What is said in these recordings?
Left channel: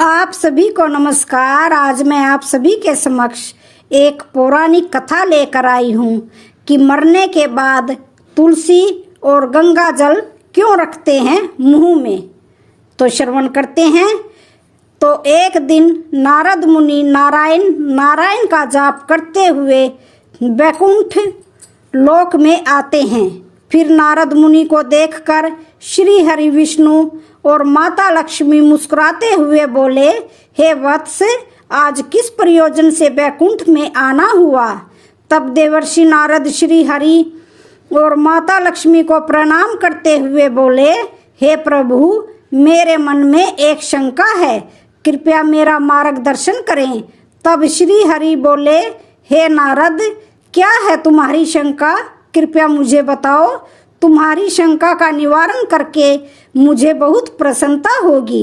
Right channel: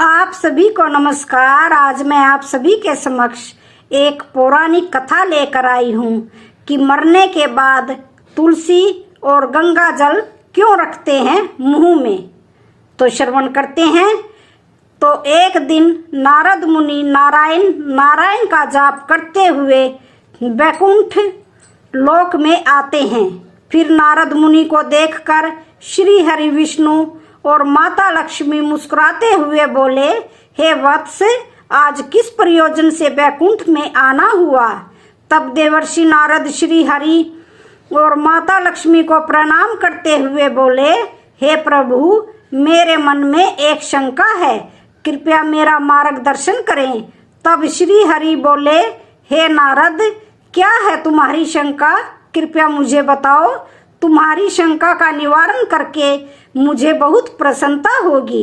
आप सभी को नमस्कार। आज मैं आप सभी के समक्ष एक पौराणिक कथा लेकर आई हूँ कि मरने के बाद तुलसी और गंगा जल क्यों रखते हैं मुंह में। तो श्रवण करते हैं। तो एक दिन नारद मुनि नारायण का जाप करते हुए वैकुंठ लोक में आते हैं। फिर नारद मुनि को देखकर श्री हरि विष्णु और माता लक्ष्मी मुस्कुराते हुए बोले, हे वत्स, आज किस प्रयोजन से वैकुंठ में आना हुआ। तब देवर्षि नारद श्री हरि और माता लक्ष्मी को प्रणाम करते हुए बोले, हे प्रभु, मेरे मन में एक शंका है, कृपया मेरा मार्गदर्शन करें। तब श्री हरि बोले, हे नारद, क्या है तुम्हारी शंका, कृपया मुझे बताओ। तुम्हारी शंका का निवारण करके मुझे बहुत प्रसन्नता होगी।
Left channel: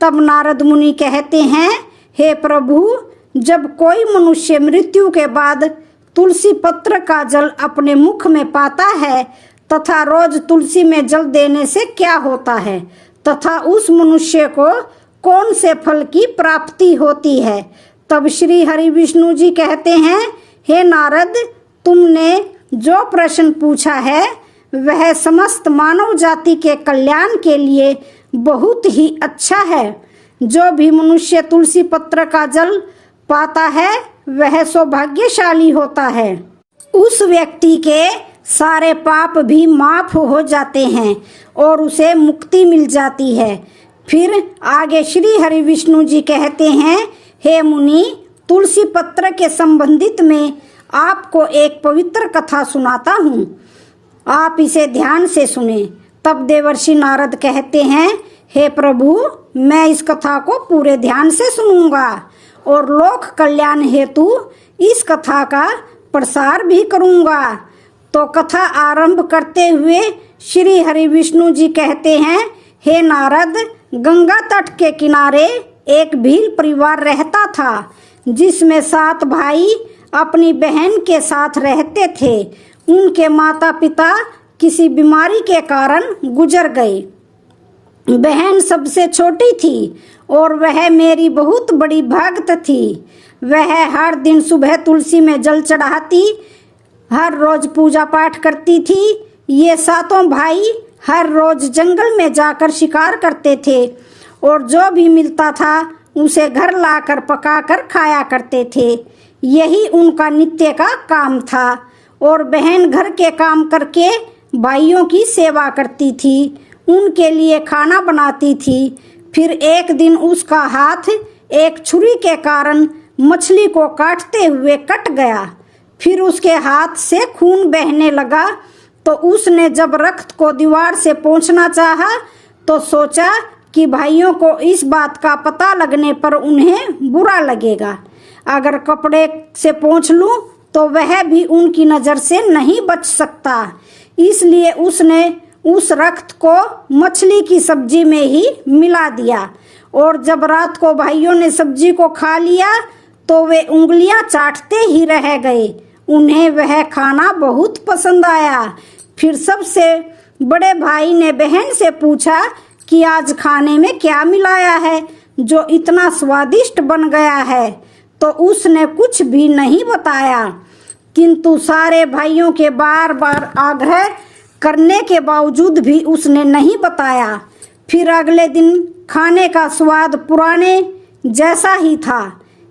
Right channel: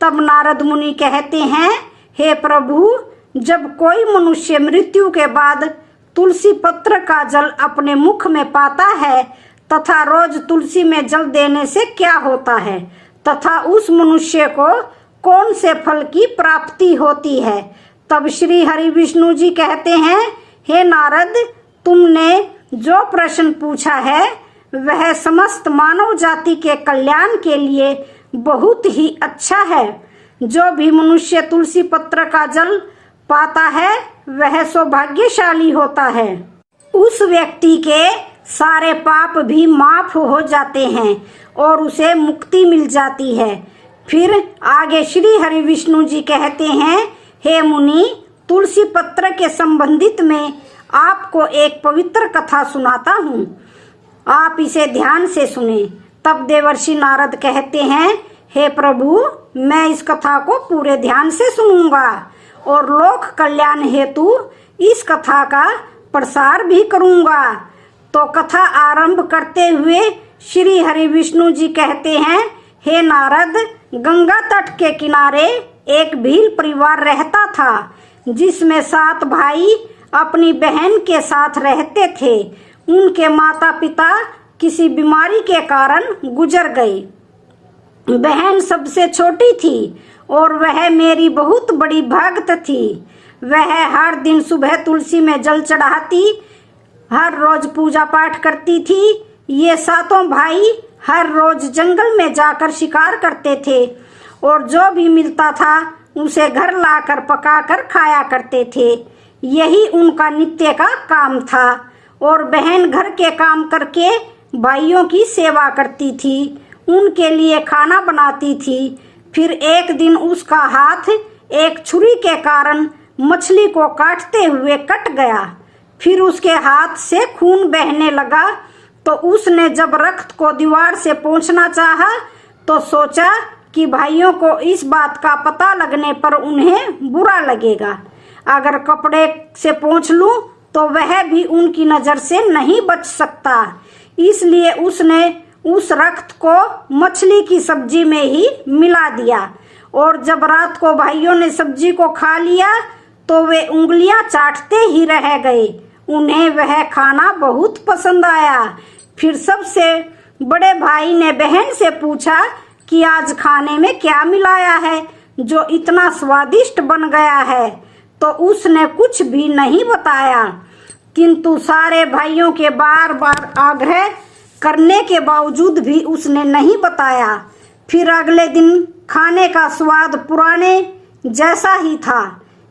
तब नारद मुनि कहते हैं, हे प्रभु, जब कोई मनुष्य मृत्यु के बाद तुलसी पत्र का जल अपने मुख में पाता है तथा रोज तुलसी में जल देने से क्या होता है तथा उस मनुष्य को कौन से फल की प्राप्ति होती है। तब श्री हरि विष्णु जी कहते हैं, हे नारद, तुमने जो प्रश्न पूछा है वह समस्त मानव जाति के कल्याण के लिए बहुत ही अच्छा है। जो भी मनुष्य तुलसी पत्र का जल पाता है वह सौभाग्यशाली होता है। उस व्यक्ति के सारे पाप भी माफ हो जाते हैं और उसे मुक्ति मिल जाती है। फिर आगे श्री हरि विष्णु जी कहते हैं, हे मुनि, तुलसी पत्र के संबंधित में आपको एक पवित्र कथा सुनाता हूँ, आप इसे ध्यान से सुने। तब देवर्षि नारद कहते हैं, हे प्रभु, मैं इस कथा को पूरे ध्यान से सुनूंगा और लोक कल्याण हेतु इस कथा का प्रसार भी करूंगा। तो कथा आरंभ करते हुए श्री हरि विष्णु जी कहते हैं, हे नारद, गंगा तट के किनारे एक भील परिवार रहता था जिसमें 7 भाई अपनी बहन के साथ रहते थे। उनके माता पिता किसी बीमारी के कारण गुजर गए। बहन सबसे छोटी थी और वह मेरी बहुत बड़ी भक्त थी। वह हर दिन सुबह तुलसी में जल चढ़ाती, हर रोज पूजा पाठ करती थी। ये 7 भाई हर रोज जंगल में जाकर शिकार करते थे और जो भी मिलता था उसे घर लाकर पकाकर खाया करते थे। यही उनका नित्य का काम था। और बहन घर के काम करके भाइयों की सेवा करती थी, उनके लिए खाना बनाती थी। फिर एक दिन उसका हाथ एक छुरी के कारण मछली को काटते हुए कट गया। फिर उसके हाथ से खून बहने लगा। तो उसने जब रक्त को दीवार से पोंछना चाहा तो सोचा कि भाइयों को इस बात का पता लगने पर उन्हें बुरा लगेगा। अगर कपड़े से पोंछ लूं तो वह भी उनकी नजर से नहीं बच सकता। इसलिए उसने उस रक्त को मछली की सब्जी में ही मिला दिया। और जब रात को भाइयों ने सब्जी को खा लिया तो वे उंगलियां चाटते ही रह गए। उन्हें वह खाना बहुत पसंद आया। फिर सबसे बड़े भाई ने बहन से पूछा कि आज खाने में क्या मिलाया है जो इतना स्वादिष्ट बन गया है। तो उसने कुछ भी नहीं बताया। किंतु सारे भाइयों के बार बार आग्रह करने के बावजूद भी उसने नहीं बताया। फिर अगले दिन खाने का स्वाद पुराने जैसा ही था।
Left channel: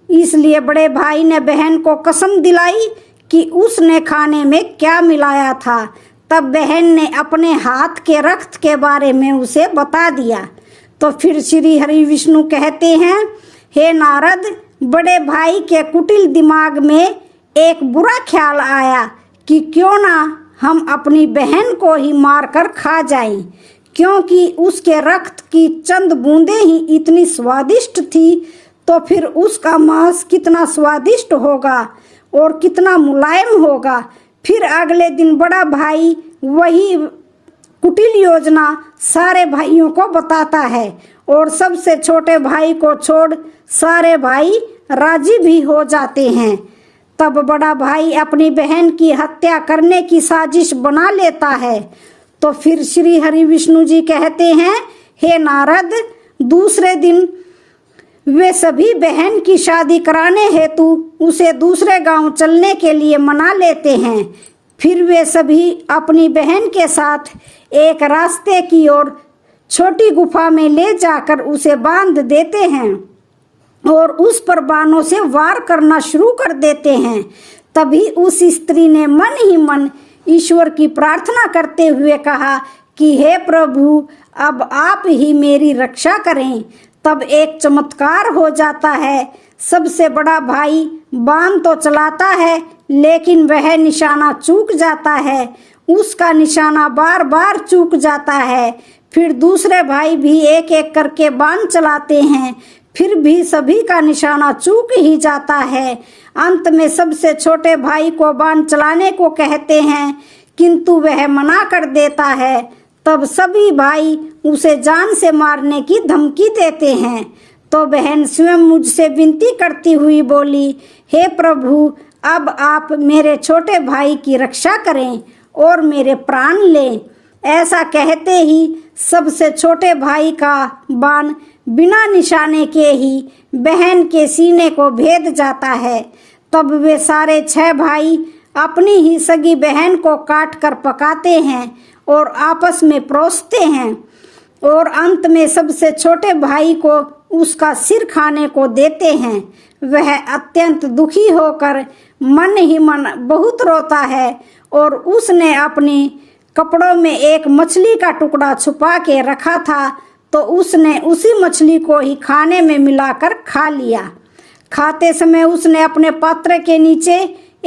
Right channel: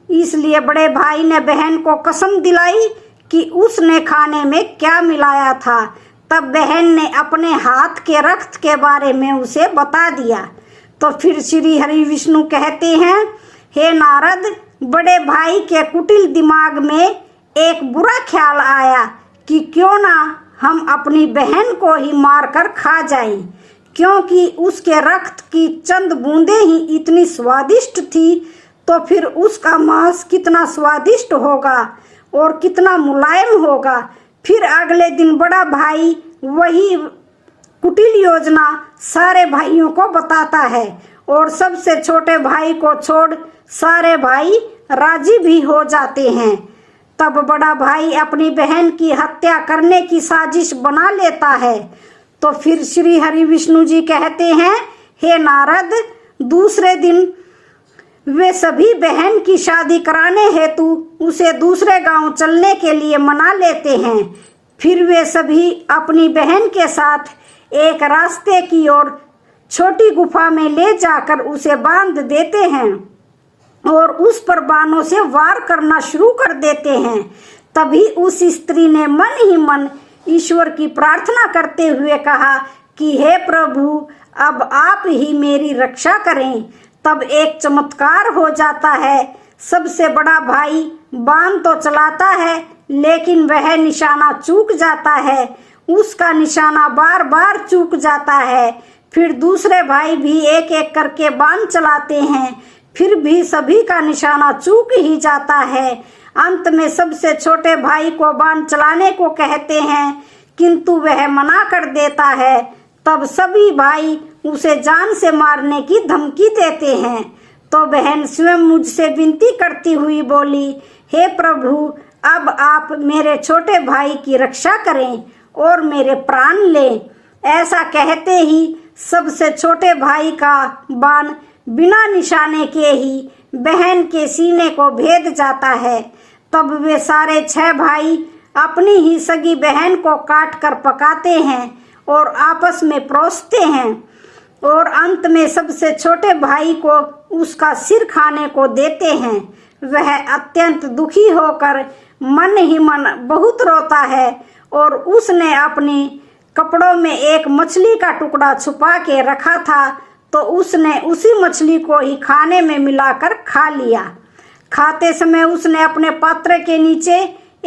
इसलिए बड़े भाई ने बहन को कसम दिलाई कि उसने खाने में क्या मिलाया था। तब बहन ने अपने हाथ के रक्त के बारे में उसे बता दिया। तो फिर श्री हरि विष्णु कहते हैं, हे नारद, बड़े भाई के कुटिल दिमाग में एक बुरा ख्याल आया कि क्यों ना हम अपनी बहन को ही मारकर खा जाएं, क्योंकि उसके रक्त की चंद बूंदें ही इतनी स्वादिष्ट थी। तो फिर उसका मांस कितना स्वादिष्ट होगा और कितना मुलायम होगा। फिर अगले दिन बड़ा भाई वही कुटिल योजना सारे भाइयों को बताता है और सबसे छोटे भाई को छोड़ सारे भाई राजी भी हो जाते हैं। तब बड़ा भाई अपनी बहन की हत्या करने की साजिश बना लेता है। तो फिर श्री हरि विष्णु जी कहते हैं, हे नारद, दूसरे दिन वे सभी बहन की शादी कराने हेतु उसे दूसरे गांव चलने के लिए मना लेते हैं। फिर वे सभी अपनी बहन के साथ एक रास्ते की ओर छोटी गुफा में ले जाकर उसे बांध देते हैं और उस पर बाणों से वार करना शुरू कर देते हैं। तभी उस स्त्री ने मन ही मन ईश्वर की प्रार्थना करते हुए कहा कि हे प्रभु, अब आप ही मेरी रक्षा करें। तब एक चमत्कार हो जाता है। सबसे बड़ा भाई बाण तो चलाता है, लेकिन वह निशाना चूक जाता है। उसका निशाना बार बार चूक जाता है। फिर दूसरे भाई भी एक एक करके बाण चलाते हैं, फिर भी सभी का निशाना चूक ही जाता है। अंत में सबसे छोटे भाई को बाण चलाने को कहते हैं, किंतु वह मना कर देता है। तब सभी भाई उसे जान से मारने की धमकी देते हैं। तो बहन स्वयं मुझसे विनती करती हुई बोली, हे प्रभु, अब आप मेरे छोटे भाई की रक्षा करें और मेरे प्राण लें। ऐसा कहते ही सबसे छोटे भाई का बाण बिना निशाने के ही बहन के सीने को भेद जाता है। तब वे सारे 6 भाई अपनी ही सगी बहन को काट कर पकाते हैं और आपस में परोसते हैं और अंत में सबसे छोटे भाई को उसका सिर खाने को देते हैं। वह अत्यंत दुखी होकर मन ही मन बहुत रोता है और उसने अपने कपड़ों में एक मछली का टुकड़ा छुपा के रखा था, तो उसने उसी मछली को ही खाने में मिलाकर खा लिया। खाते समय उसने अपने पात्र के नीचे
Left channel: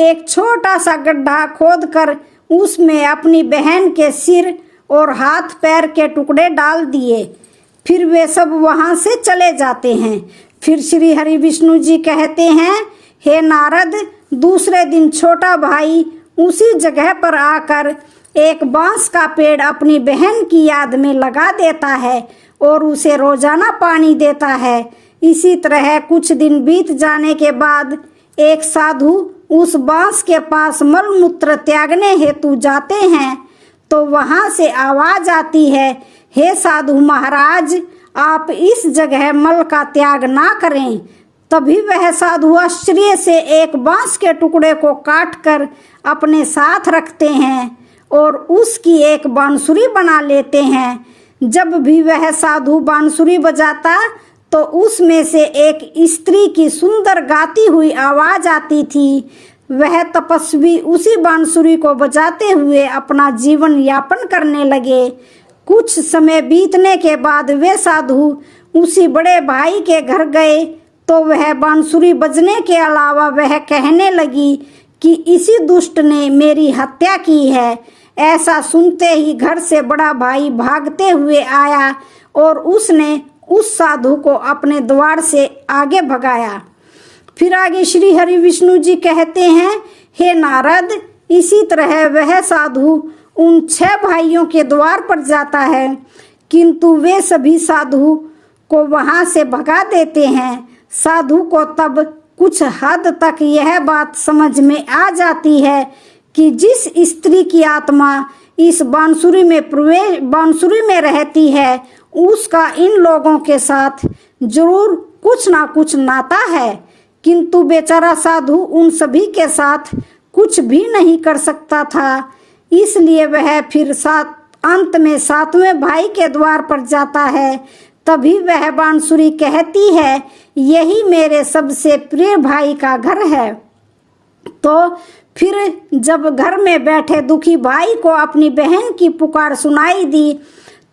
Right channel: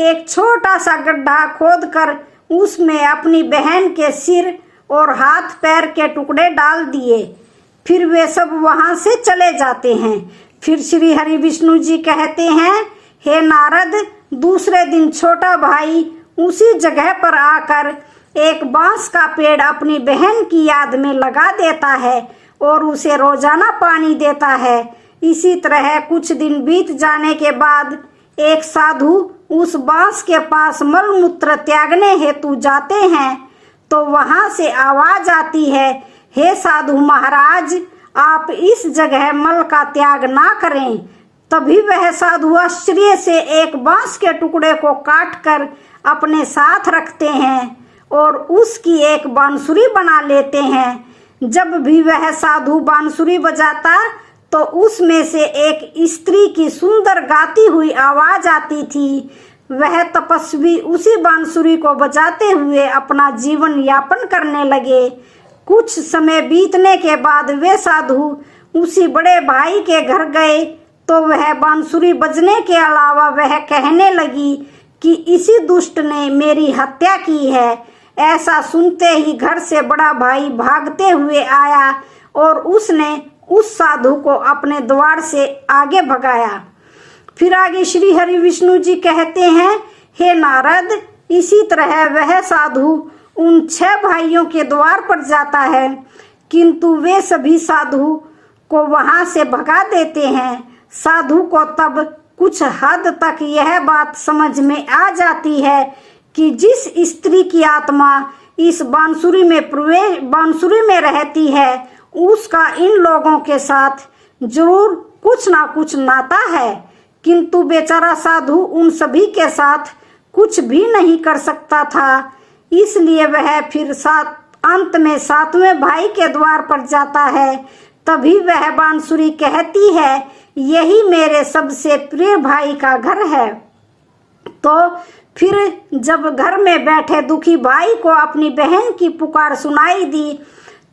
एक छोटा सा गड्ढा खोदकर उसमें अपनी बहन के सिर और हाथ पैर के टुकड़े डाल दिए। फिर वे सब वहां से चले जाते हैं। फिर श्री हरि विष्णु जी कहते हैं, हे नारद, दूसरे दिन छोटा भाई उसी जगह पर आकर एक बांस का पेड़ अपनी बहन की याद में लगा देता है और उसे रोजाना पानी देता है। इसी तरह कुछ दिन बीत जाने के बाद एक साधु उस बांस के पास मलमूत्र त्यागने हेतु जाते हैं, तो वहां से आवाज आती है, हे साधु महाराज, आप इस जगह मल का त्याग ना करें। तभी वह साधु आश्चर्य से एक बांस के टुकड़े को काटकर अपने साथ रखते हैं और उसकी एक बांसुरी बना लेते हैं। जब भी वह साधु बांसुरी बजाता तो उसमें से एक स्त्री की सुंदर गाती हुई आवाज आती थी। वह तपस्वी उसी बांसुरी को बजाते हुए अपना जीवन यापन करने लगे। कुछ समय बीतने के बाद वे साधु उसी बड़े भाई के घर गए, तो वह बांसुरी बजने के अलावा वह कहने लगी कि इसी दुष्ट ने मेरी हत्या की है। ऐसा सुनते ही घर से बड़ा भाई भागते हुए आया और उसने उस साधु को अपने द्वार से आगे भगाया। फिर आगे श्री हरि विष्णु जी कहते हैं, हे नारद, इसी तरह वह साधु उन 6 भाइयों के द्वार पर जाता है, किंतु वे सभी साधु को वहां से भगा देते हैं। साधु को तब कुछ हद तक यह बात समझ में आ जाती है कि जिस स्त्री की आत्मा इस बांसुरी में रहती है, उसका इन लोगों के साथ जरूर कुछ ना कुछ नाता है। किंतु बेचारा साधु उन सभी के साथ कुछ भी नहीं कर सकता था। इसलिए वह फिर अंत में 7वें भाई के द्वार पर जाता है। तभी वह बांसुरी कहती है, यही मेरे सबसे प्रिय भाई का घर है। तो फिर जब घर में बैठे दुखी भाई को अपनी बहन की पुकार सुनाई दी,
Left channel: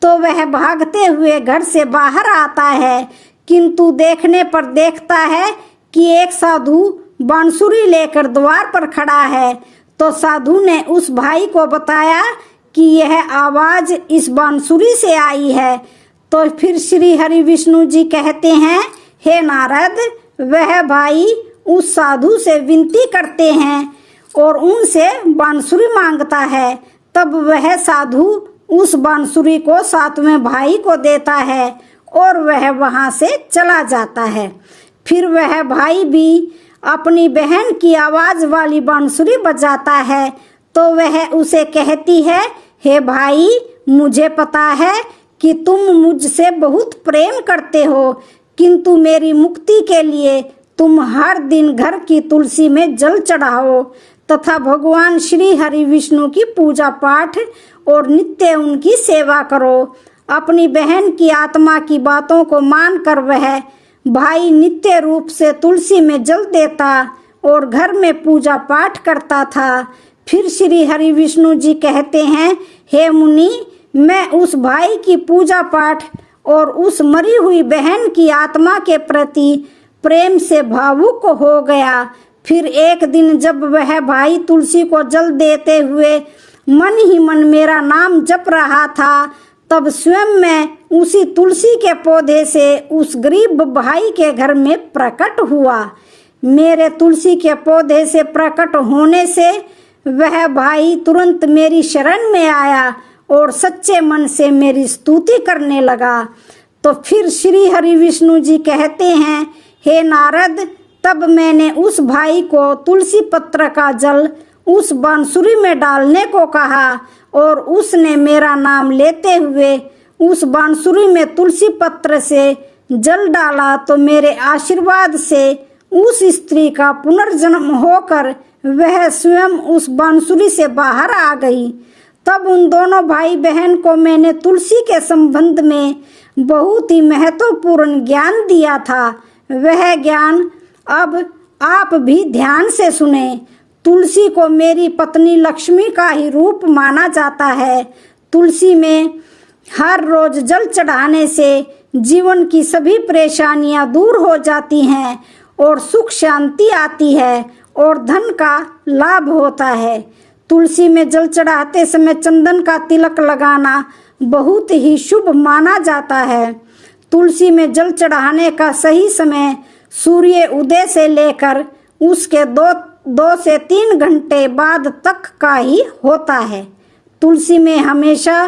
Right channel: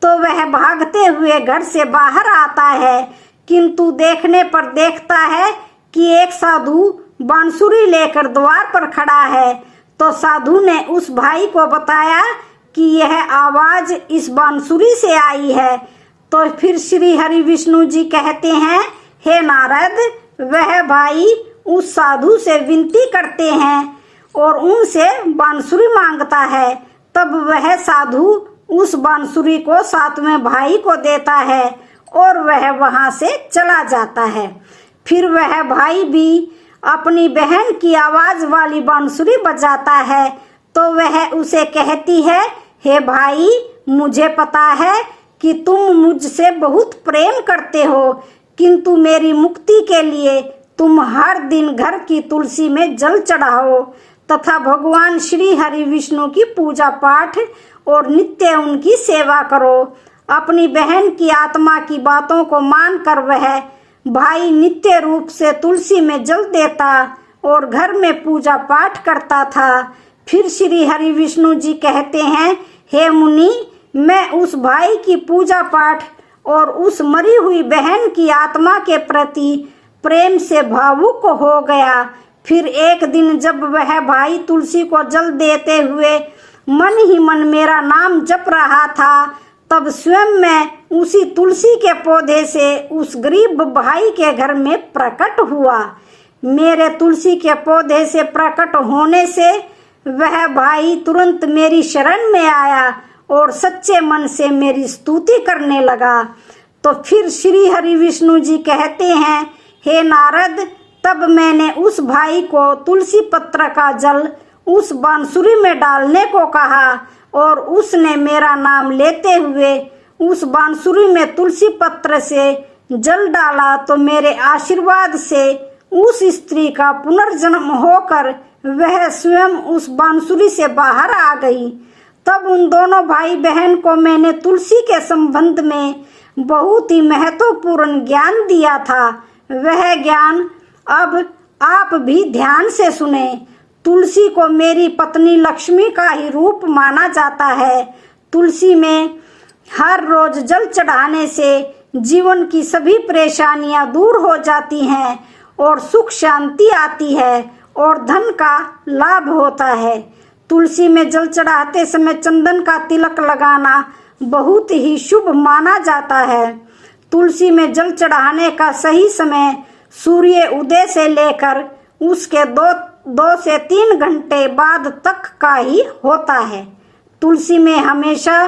तो वह भागते हुए घर से बाहर आता है, किंतु देखने पर देखता है कि एक साधु बांसुरी लेकर द्वार पर खड़ा है। तो साधु ने उस भाई को बताया कि यह आवाज इस बांसुरी से आई है। तो फिर श्री हरि विष्णु जी कहते हैं, हे नारद, वह भाई उस साधु से विनती करते हैं और उनसे बांसुरी मांगता है। तब वह साधु उस बांसुरी को 7वें भाई को देता है और वह वहां से चला जाता है। फिर वह भाई भी अपनी बहन की आवाज वाली बांसुरी बजाता है, तो वह उसे कहती है, हे भाई, मुझे पता है कि तुम मुझसे बहुत प्रेम करते हो, किंतु मेरी मुक्ति के लिए तुम हर दिन घर की तुलसी में जल चढ़ाओ तथा भगवान श्री हरि विष्णु की पूजा पाठ और नित्य उनकी सेवा करो। अपनी बहन की आत्मा की बातों को मानकर वह भाई नित्य रूप से तुलसी में जल देता और घर में पूजा पाठ करता था। फिर श्री हरि विष्णु जी कहते हैं, हे मुनि, मैं उस भाई की पूजा पाठ और उस मरी हुई बहन की आत्मा के प्रति प्रेम से भावुक हो गया। फिर एक दिन जब वह भाई तुलसी को जल देते हुए मन ही मन मेरा नाम जप रहा था, तब स्वयं मैं उसी तुलसी के पौधे से उस गरीब भाई के घर में प्रकट हुआ। मेरे तुलसी के पौधे से प्रकट होने से वह भाई तुरंत मेरी शरण में आया और सच्चे मन से मेरी स्तुति करने लगा। तो फिर श्री हरि विष्णु जी कहते हैं, हे नारद, तब मैंने उस भाई को तुलसी पत्र का जल उस बांसुरी में डालने को कहा और उसने मेरा नाम लेते हुए उस बांसुरी में तुलसी पत्र से जल डाला। तो मेरे आशीर्वाद से उस स्त्री का पुनर्जन्म होकर वह स्वयं उस बांसुरी से बाहर आ गई। तब उन दोनों भाई बहन को मैंने तुलसी के संबंध में बहुत ही महत्वपूर्ण ज्ञान दिया था। वह ज्ञान अब आप भी ध्यान से सुने। तुलसी को मेरी पत्नी लक्ष्मी का ही रूप माना जाता है। तुलसी में हर रोज जल चढ़ाने से जीवन की सभी परेशानियां दूर हो जाती हैं और सुख शांति आती है और धन का लाभ होता है। तुलसी में जल चढ़ाते समय चंदन का तिलक लगाना बहुत ही शुभ माना जाता है। तुलसी में जल चढ़ाने का सही समय सूर्य उदय से लेकर उसके दो से 3 घंटे बाद तक का ही होता है। तुलसी में हमेशा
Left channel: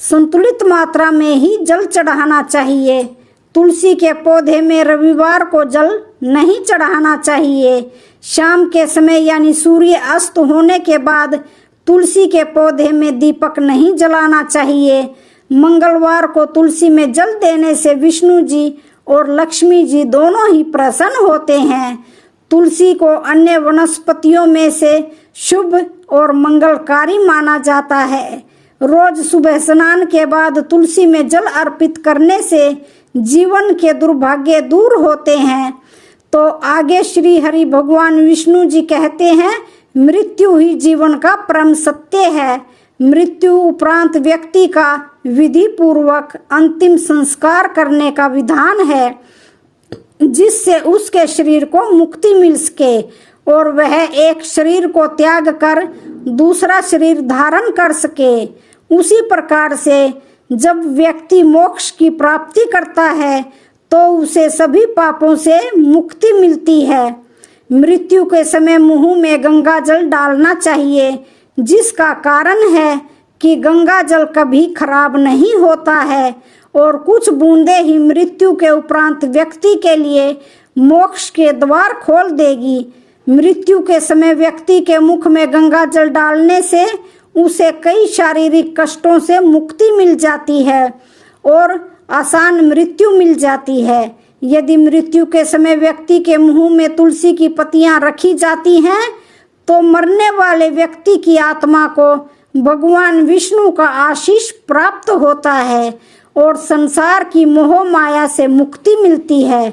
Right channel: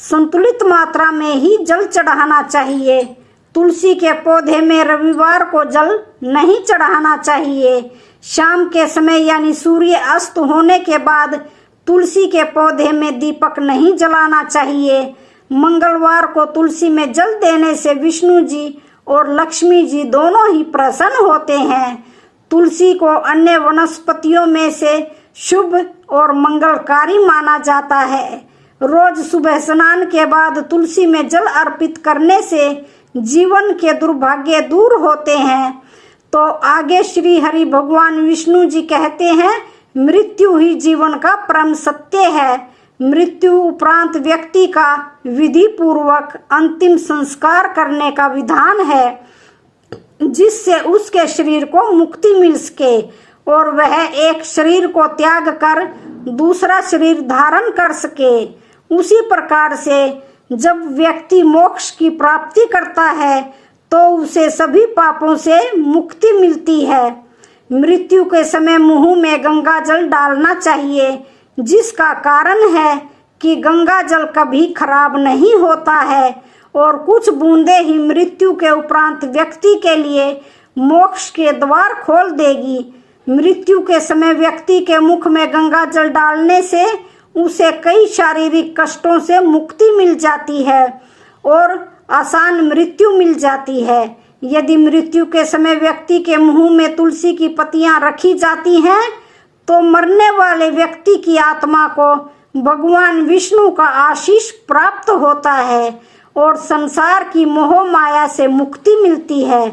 संतुलित मात्रा में ही जल चढ़ाना चाहिए। तुलसी के पौधे में रविवार को जल नहीं चढ़ाना चाहिए। शाम के समय यानी सूर्य अस्त होने के बाद तुलसी के पौधे में दीपक नहीं जलाना चाहिए। मंगलवार को तुलसी में जल देने से विष्णु जी और लक्ष्मी जी दोनों ही प्रसन्न होते हैं। तुलसी को अन्य वनस्पतियों में से शुभ और मंगलकारी माना जाता है। रोज सुबह स्नान के बाद तुलसी में जल अर्पित करने से जीवन के दुर्भाग्य दूर होते हैं। तो आगे श्री हरि भगवान विष्णु जी कहते हैं, मृत्यु ही जीवन का परम सत्य है। मृत्यु उपरांत व्यक्ति का विधि पूर्वक अंतिम संस्कार करने का विधान है, जिससे उसके शरीर को मुक्ति मिल सके और वह एक शरीर को त्याग कर दूसरा शरीर धारण कर सके। उसी प्रकार से जब व्यक्ति मोक्ष की प्राप्ति करता है तो उसे सभी पापों से मुक्ति मिलती है। मृत्यु के समय मुंह में गंगा जल डालना चाहिए, जिसका कारण है कि गंगा जल कभी खराब नहीं होता है और कुछ बूंदे ही मृत्यु के उपरांत व्यक्ति के लिए मोक्ष के द्वार खोल देगी। मृत्यु के समय व्यक्ति के मुख में गंगा जल डालने से उसे कई शारीरिक कष्टों से मुक्ति मिल जाती है और आसान मृत्यु मिल जाती है। यदि मृत्यु के समय व्यक्ति के मुंह में तुलसी की पत्तियां रखी जाती हैं तो मरने वाले व्यक्ति की आत्मा को भगवान विष्णु का आशीष प्राप्त होता है और संसार की मोह माया से मुक्ति मिलती है।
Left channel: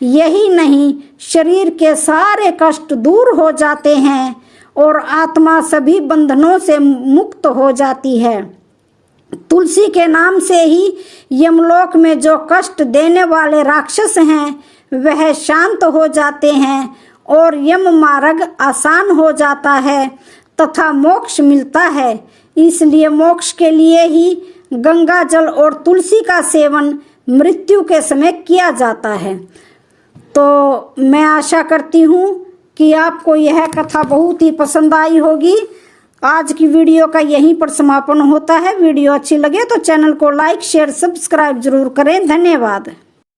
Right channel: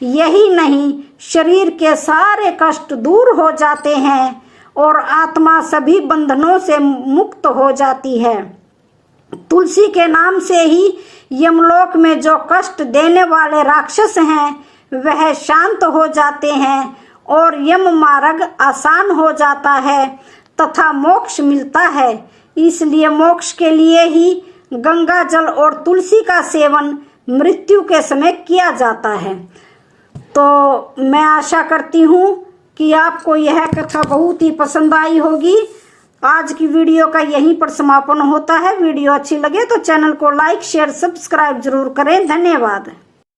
यही नहीं, शरीर के सारे कष्ट दूर हो जाते हैं और आत्मा सभी बंधनों से मुक्त हो जाती है। तुलसी के नाम से ही यमलोक में जो कष्ट देने वाले राक्षस हैं वह शांत हो जाते हैं और यम मार्ग आसान हो जाता है तथा मोक्ष मिलता है। इसलिए मोक्ष के लिए ही गंगा जल और तुलसी का सेवन मृत्यु के समय किया जाता है। तो मैं आशा करती हूँ कि आपको यह कथा बहुत ही पसंद आई होगी। आज की वीडियो का यहीं पर समापन होता है। वीडियो अच्छी लगे तो चैनल को लाइक, शेयर, सब्सक्राइब जरूर करें। धन्यवाद।